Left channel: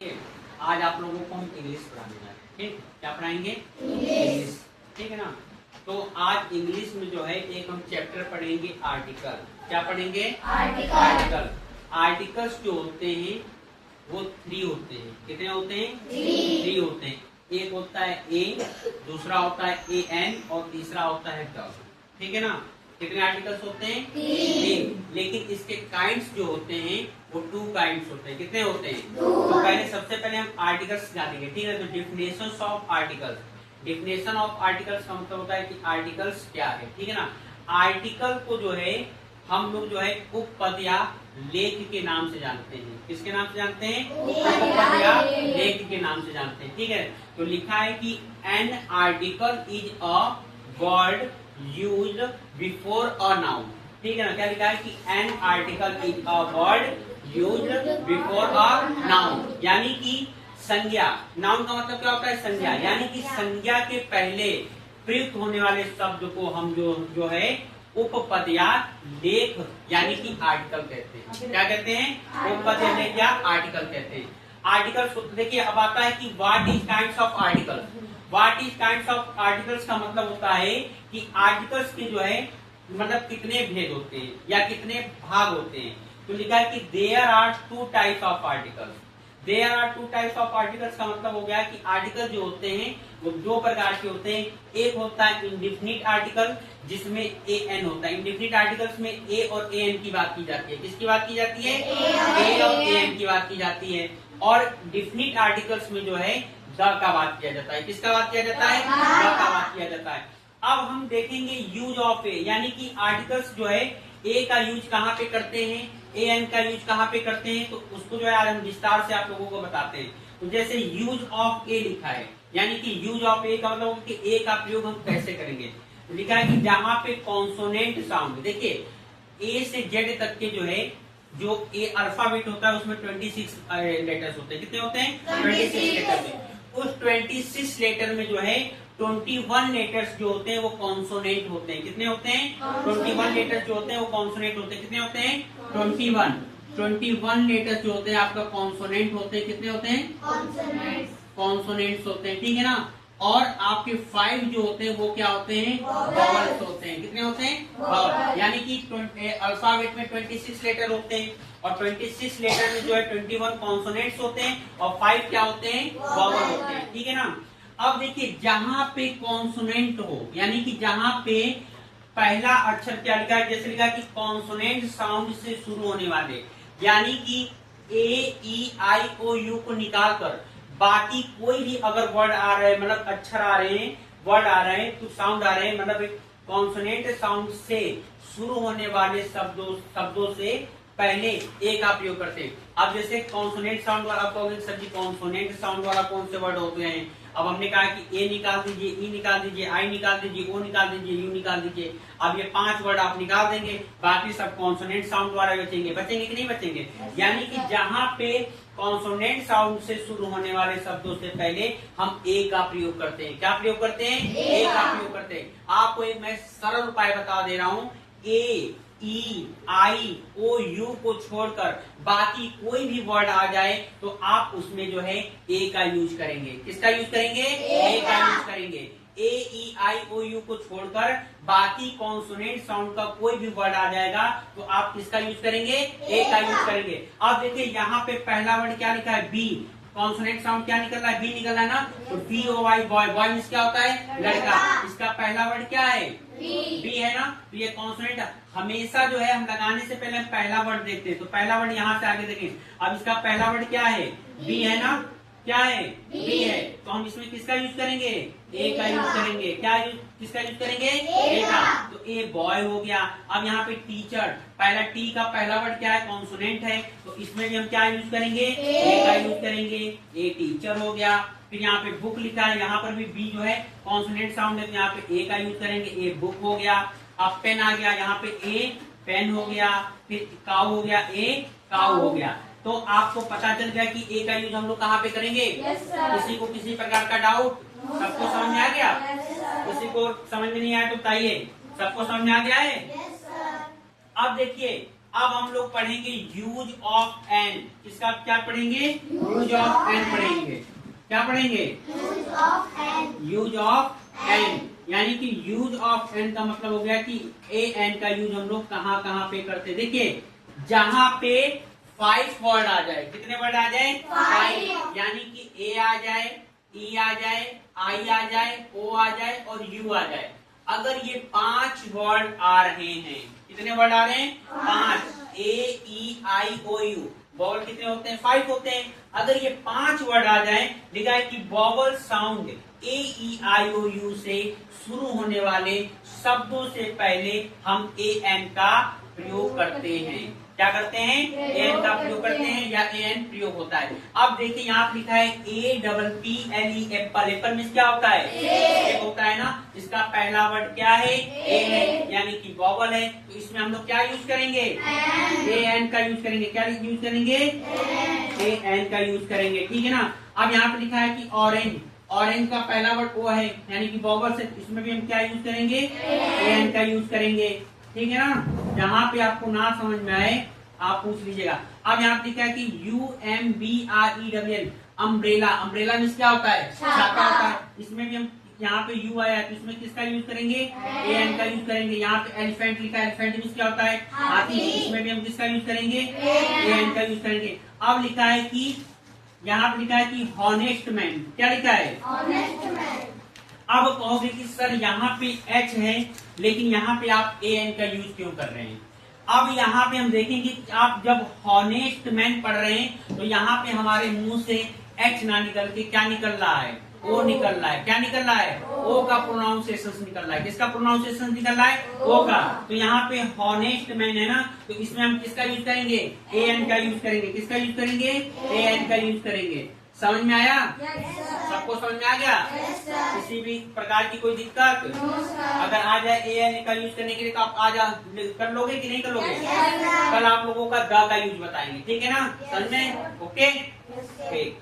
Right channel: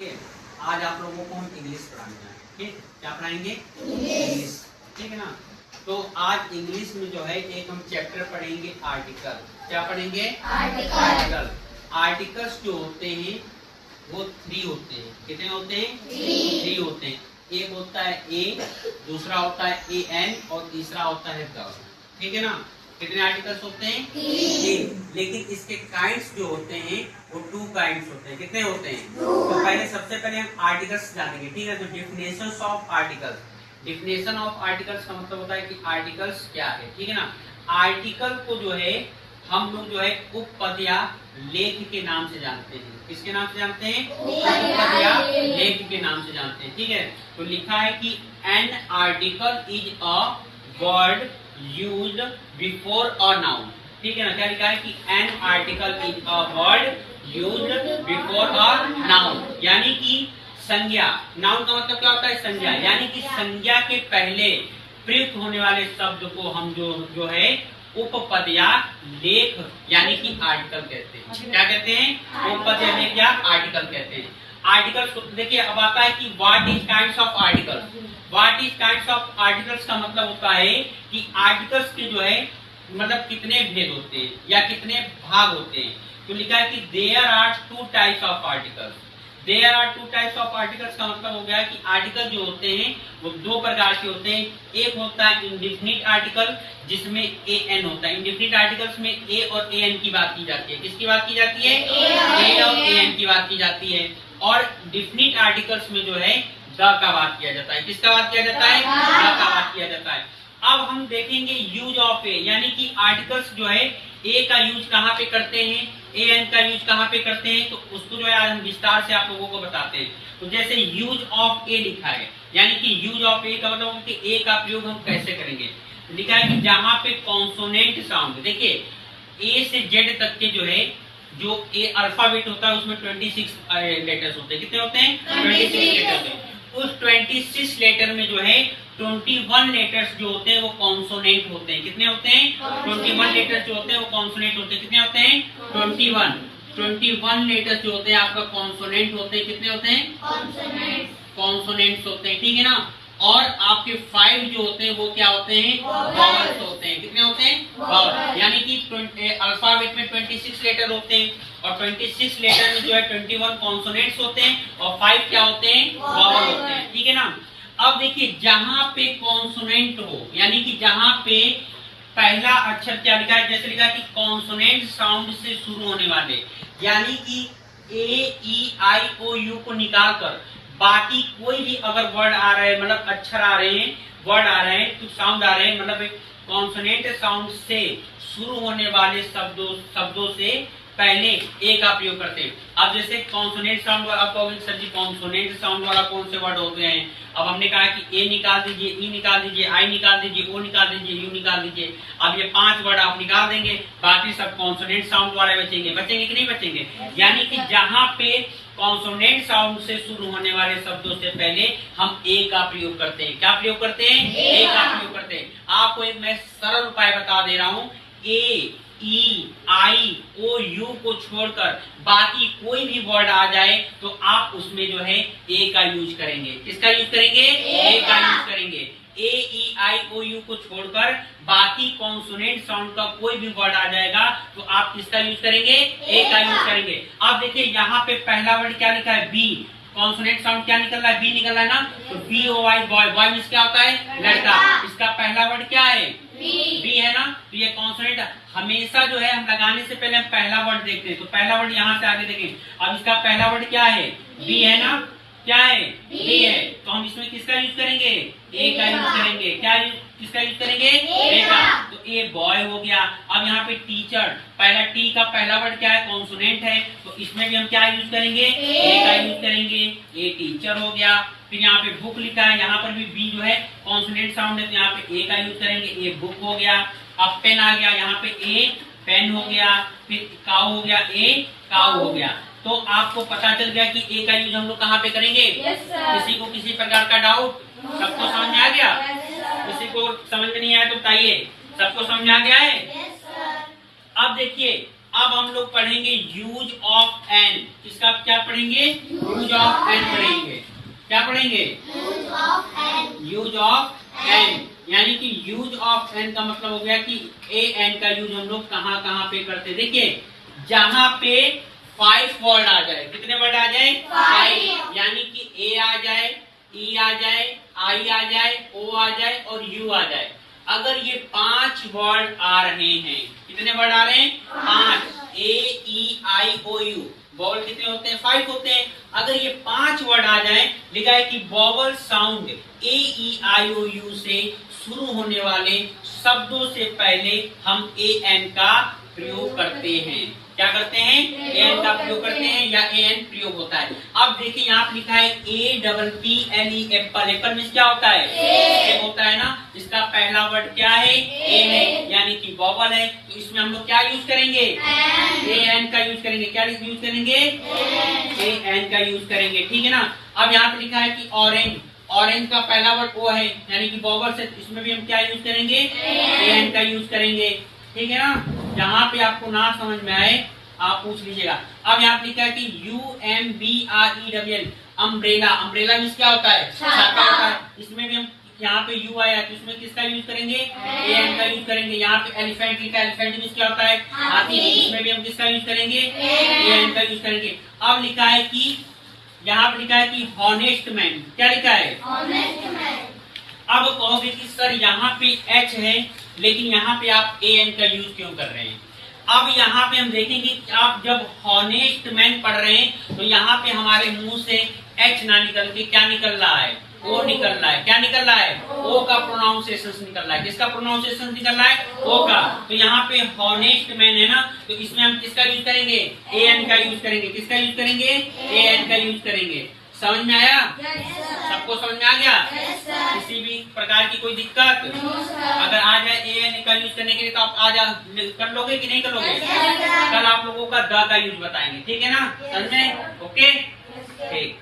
ठीक है, आज आप लोगों को हम इंग्लिश पढ़ाने वाले हैं। ठीक, क्या पढ़ाएंगे? इंग्लिश। ठीक है ना। तो आज इंग्लिश में जो है एक हम चैप्टर पढ़ेंगे आर्टिकल। क्या पढ़ेंगे? आर्टिकल। आर्टिकल्स जो होते हैं वो 3 होते हैं। कितने होते हैं? 3 होते हैं। एक होता है ए, दूसरा होता है ए एन और तीसरा होता है द। ठीक है ना। कितने आर्टिकल्स होते हैं? 3। लेकिन इसके काइंड्स जो होते हैं वो 2 काइंड्स होते हैं। कितने होते हैं? तो पहले सबसे पहले हम आर्टिकल्स जानेंगे। ठीक है। तो definitions of articles. Definition of articles का मतलब होता है कि आर्टिकल्स क्या है। ठीक है ना। आर्टिकल को जो है हम लोग जो है उपपद या लेख के नाम से जानते हैं। किसके नाम से जानते हैं? उपपद या लेख के नाम से जानते हैं। ठीक है। तो लिखा है कि an article is a word used before a noun. ठीक है ना। क्या लिखा है कि an article is a word used before a noun, यानी कि संज्ञा। नाउन का मतलब क्या होता है? संज्ञा। यानी कि संज्ञा के पहले प्रयुक्त होने वाले शब्द को हम जो है उपपद या लेख यानी कि आर्टिकल कहते हैं। क्या कहते हैं? उपपद या लेख या आर्टिकल कहते हैं। आर्टिकल्स देखिए, अब आता है कि what is kinds of articles. What is kinds of articles का मतलब होता है कि आर्टिकल्स के जो है मतलब कितने भेद होते हैं या कितने भाग होते हैं। तो लिखा है कि there are 2 types of articles. There are 2 types of articles का मतलब हो गया कि आर्टिकल जो होते हैं वो 2 प्रकार के होते हैं। एक होता है इंडेफिनिट आर्टिकल जिसमें ए एन होता है। इंडेफिनिट आर्टिकल्स में ए और ए एन की बात की जाती है। किसकी बात की जाती है? ए और ए एन की बात की जाती है। और डिफिनिट आर्टिकल्स में जो है द का बात किया जाता है। किसका बात किया जाता है? द का बात किया जाता है। अब हम देखेंगे यूज ऑफ ए, यानी कि आर्टिकल्स जो है ए का यूज कहाँ पे करते हैं, ए एन का यूज कहाँ पे करते हैं, तो उसको जो है आज हम विस्तार से आप लोगों को बताते हैं। तो जैसे यूज ऑफ ए लिखा है, यानी कि यूज ऑफ ए का मतलब कि ए का प्रयोग हम कैसे करेंगे। तो लिखा है कि जहां पे कॉन्सोनेंट साउंड, देखिए ए से जेड तक के जो है जो ए अल्फाबेट होता है उसमें 26 लेटर्स होते हैं। कितने होते हैं? 26 लेटर होते हैं। उस 26 लेटर में जो है 21 लेटर्स जो होते हैं वो कॉन्सोनेंट होते हैं। कितने होते हैं? 21 लेटर्स जो होते हैं वो कॉन्सोनेंट होते हैं। कितने होते हैं? 21 लेटर्स जो होते हैं आपका कॉन्सोनेंट होते हैं। कितने होते हैं? कॉन्सोनेंट्स होते हैं। ठीक है ना। और आपके 5 जो होते हैं वो क्या होते हैं? वॉवल्स होते हैं। कितने होते हैं? वॉवल। यानी कि अल्फाबेट में 26 लेटर होते हैं और 26 लेटर में जो है 21 कॉन्सोनेंट्स होते हैं और 5 क्या होते हैं? वॉवल होते हैं। ठीक है ना। अब देखिए, जहां पे कॉन्सोनेंट हो, यानी कि जहां पे पहला अक्षर क्या लिखा है, जैसे लिखा है कि कॉन्सोनेंट साउंड से शुरू होने वाले, यानी कि ए ई आई ओ यू को निकाल कर बाकी कोई भी अगर वर्ड आ रहे हैं, मतलब अक्षर आ रहे हैं, वर्ड आ रहे हैं, तो साउंड आ रहे हैं, मतलब कॉन्सोनेंट साउंड से शुरू होने वाले शब्दों से पहले ए का प्रयोग करते हैं। अब जैसे कॉन्सोनेंट साउंड वाला, आप कहोगे सर जी कॉन्सोनेंट साउंड वाला कौन से वर्ड होते हैं। अब हमने कहा कि ए निकाल दीजिए, ई निकाल दीजिए, आई निकाल दीजिए, ओ निकाल दीजिए, यू निकाल दीजिए। अब ये 5 वर्ड आप निकाल देंगे, बाकी सब कॉन्सोनेंट साउंड वाले बचेंगे। बचेंगे कि नहीं बचेंगे? यानी कि जहां पे कॉन्सोनेंट साउंड से शुरू होने वाले शब्दों से पहले हम ए का प्रयोग करते हैं। क्या प्रयोग करते हैं? ए का प्रयोग करते हैं। आपको एक मैं सरल उपाय बता दे रहा हूं। ए ई आई ओ यू को छोड़कर बाकी कोई भी वर्ड आ जाए तो आप उसमें जो है ए का यूज करेंगे। किसका यूज करेंगे? ए का यूज करेंगे। ए ई आई ओ यू को छोड़कर बाकी कॉन्सोनेंट साउंड का कोई भी वर्ड आ जाएगा तो आप किसका यूज करेंगे? ए का यूज करेंगे। अब देखिए, यहाँ पे पहला वर्ड क्या लिखा है? बी। कॉन्सोनेंट साउंड क्या निकल रहा है? बी निकल रहा है ना। तो B O Y, boy. Boy means क्या होता है? लड़का। इसका पहला वर्ड क्या है? बी है ना। तो ये कॉन्सोनेंट हमेशा जो है हम लगाने से पहले हम पहला वर्ड देखते हैं। तो पहला वर्ड यहाँ से आगे देखें। अब इसका पहला वर्ड क्या है? बी है ना। क्या है? बी है। तो हम इसमें किसका यूज करेंगे? ए का यूज करेंगे। क्या किसका यूज करेंगे? ए का। तो ए बॉय हो गया। अब यहाँ पे टीचर, पहला टी का पहला वर्ड क्या है? कॉन्सोनेंट है। तो इसमें भी हम क्या यूज करेंगे? ए का यूज करेंगे। ए टीचर हो गया। फिर यहाँ पे बुक लिखा है, यहाँ पर भी बी जो है कॉन्सोनेंट साउंड है, तो यहाँ पे ए का यूज करेंगे। ए बुक हो गया। अब पेन आ गया, यहाँ पे ए पेन हो गया। फिर काऊ हो गया, ए काऊ हो गया। तो आपको पता चल गया कि ए का यूज हम लोग कहाँ पे करेंगे। किसी को किसी प्रकार का डाउट? सबको समझ में आ गया? किसी को समझ में नहीं आया तो बताइए। सबको समझ में आ गया है? अब देखिए, अब हम लोग पढ़ेंगे यूज ऑफ एन। किसका क्या पढ़ेंगे? यूज ऑफ एन पढ़ेंगे। क्या पढ़ेंगे? Use of an. यानी कि यूज ऑफ एन का मतलब हो गया कि ए एन का यूज हम लोग कहाँ कहाँ पे करते। देखिए जहां पे 5 वर्ड आ जाए, कितने वर्ड आ जाए? 5। यानी कि ए आ जाए, ई आ जाए, आई आ जाए, ओ आ जाए और यू आ जाए। अगर ये 5 वर्ड आ रहे हैं, कितने वर्ड आ रहे हैं? 5। ए E I O you, vowel कितने होते हैं? 5 होते हैं। अगर ये 5 वर्ड आ जाए, लिखा है कि vowel sound A E I O U से शुरू होने वाले शब्दों से पहले हम ए एन का प्रयोग करते हैं। क्या करते हैं? ए एन का प्रयोग करते हैं या ए एन प्रयोग होता है। अब देखिए यहाँ पे लिखा है A double P L E Apple. Apple means क्या होता है? ए होता है ना। इसका पहला वर्ड क्या है? ए है, यानी कि वॉवल है। तो इसमें हम लोग क्या यूज करेंगे? ए एन का यूज करेंगे। क्या यूज करेंगे? ए एन का यूज करेंगे। ठीक है ना। अब यहाँ पे लिखा है कि ऑरेंज। ऑरेंज का पहला वर्ड ओ है, यानी कि वॉवल से, इसमें भी हम क्या यूज करेंगे? ए एन का यूज करेंगे। ठीक है ना। जहां पे आपको ना समझ में आए आप पूछ लीजिएगा। अब यहाँ पे लिखा है कि UMBREWL, अम्ब्रेला। अम्ब्रेला मीन्स क्या होता है? छाता होता है। इसमें भी हम, यहाँ पे यू आया तो इसमें किसका यूज करेंगे? ए एन का यूज करेंगे। यहाँ पे एलिफेंट लिखा है, एलिफेंट मीन्स क्या होता है? हाथी। इसमें भी हम किसका यूज करेंगे? ए एन का यूज करेंगे। अब लिखा है कि, यहाँ पे लिखा है कि हॉनेस्ट मैन। क्या लिखा है? Honest man. अब कहोगे कि सर यहाँ पे एच है लेकिन यहाँ पे आप ए एन का यूज क्यों कर रहे हैं? अब यहाँ पे हम देखेंगे कि आप जब हॉनेस्ट मैन पढ़ रहे हैं तो यहाँ पे हमारे मुंह से एच ना निकल के क्या निकल रहा है? ओ निकल रहा है। क्या निकल रहा है? ओ का प्रोनाउंसिएशन निकल रहा है। किसका प्रोनाउंसिएशन निकल रहा है? ओ का। तो यहाँ पे हॉनेस्ट मैन है ना, तो इसमें हम किसका यूज करेंगे? ए एन का यूज करेंगे। किसका यूज करेंगे? ए एन का यूज करेंगे। समझ में आया? सबको समझ में आ गया? किसी भी प्रकार की कोई दिक्कत? अगर आ जाए ए एन का यूज करने के लिए तो आप आज कर लोगे कि नहीं कर लोगे? कल आप लोगों का द का यूज बताएंगे। ठीक है ना? समझे? ओके, ठीक।